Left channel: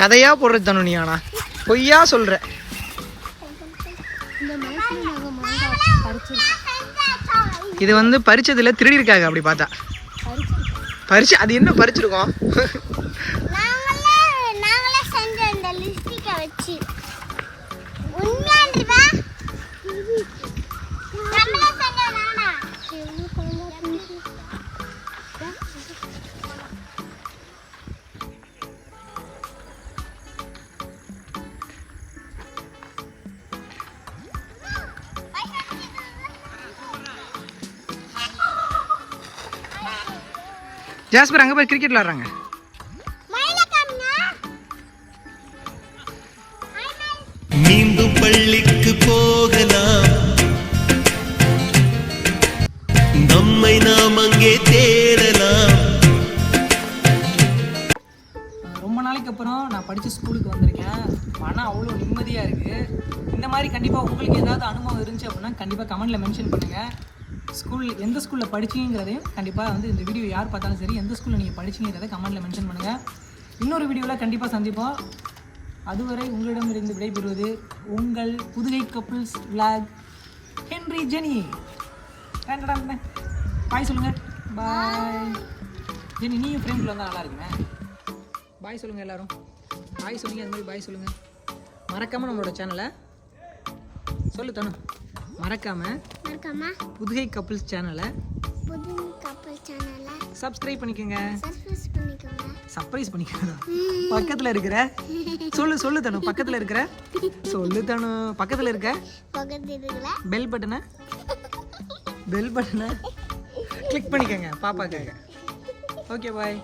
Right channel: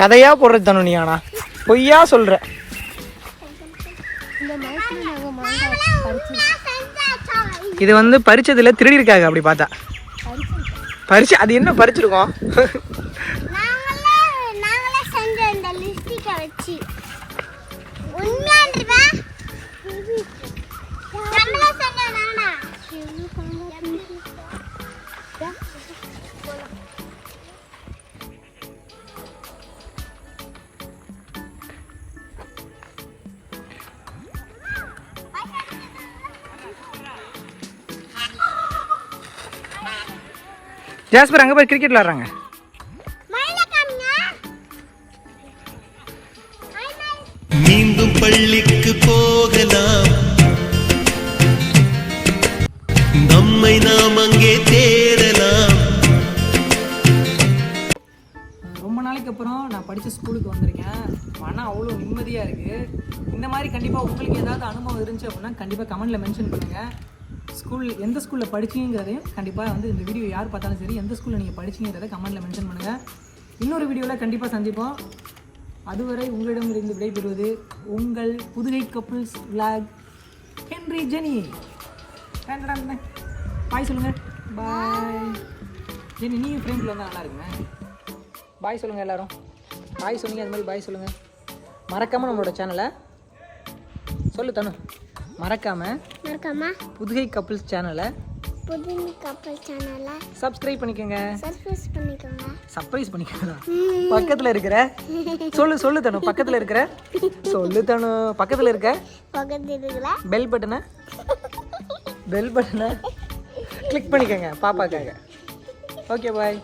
கதையா போடுறது தானே நீ? ஆனா பொய்யா சொல்ற. இது வந்து பறிச்சதுல திருடி இருக்காங்க. அப்படி பார்த்தா பறிச்சு அது என்ன பறிச்சிருக்கோம்? ஜாஸ்பர் அங்கே போய் கிரிக்கெட் விளாட்றாங்க. மீண்டும் பள்ளிக்கு போகலாம், நம்மை நாம் அங்கே தேடலாம். ரொம்ப நாளைக்கு அப்புறம் நான் படித்த ஸ்கூலுக்கு வந்திருக்கேன். ஆனால் அவ்வளோ நிம்மதியாக இருக்குது. இந்த மாதிரி கண்டிப்பாக உங்களுக்கு ஏதாவது அனுபவம் இருந்துச்சு அப்படின்னா கண்டிப்பாக கமெண்ட்டில் மென்ஷன் பண்ணுங்கள். எந்த ஸ்கூலில் படிச்சிங்கிறதையும் கண்டிப்பாக வந்து இந்த வீடியோ யார் பார்த்தாலும் சரி எந்த ஸ்கூலில் நீங்கள் படிச்சிங்கிறத கமெண்ட்டில் மென்ஷன் பண்ணுங்கள். இன்னொரு வீடியோவில் கண்டிப்பாக சந்திப்போம். அதுவரை உங்களிடமிருந்து விடைபெறுவது உங்கள் Pudugai couples vlog Henry Jenny. Bye சொல்லுங்கள். Bye Jenny. நீயும் ஃப்ரெண்டில் வந்தால் நல்லா இருக்குங்க. பாய் சொல்லுங்கள் எல்லோரும். பாய் சொன்னீங்க அது மாதிரி பாய் சொல்லுங்கள். மறக்காமல் நம்மளோட சேனலை சொல்லு தனு. மறக்காமல் புதுகை கப்புள்ஸ் சேனலை சப்ஸ்கிரைப் பண்ணிக்கோங்க. சர்ப்ரைஸ் பண்ணிக்கோங்க. பக்கத்தில் இருக்கிற சொல்லு தனு. பக்கத்தில் இருக்கிற சொல்லு தனு. பக்கத்தில் இருக்க பெல் பட்டனை கிளிக் பண்ணிக்கோங்க பாப்பாக்காக. Okay bye.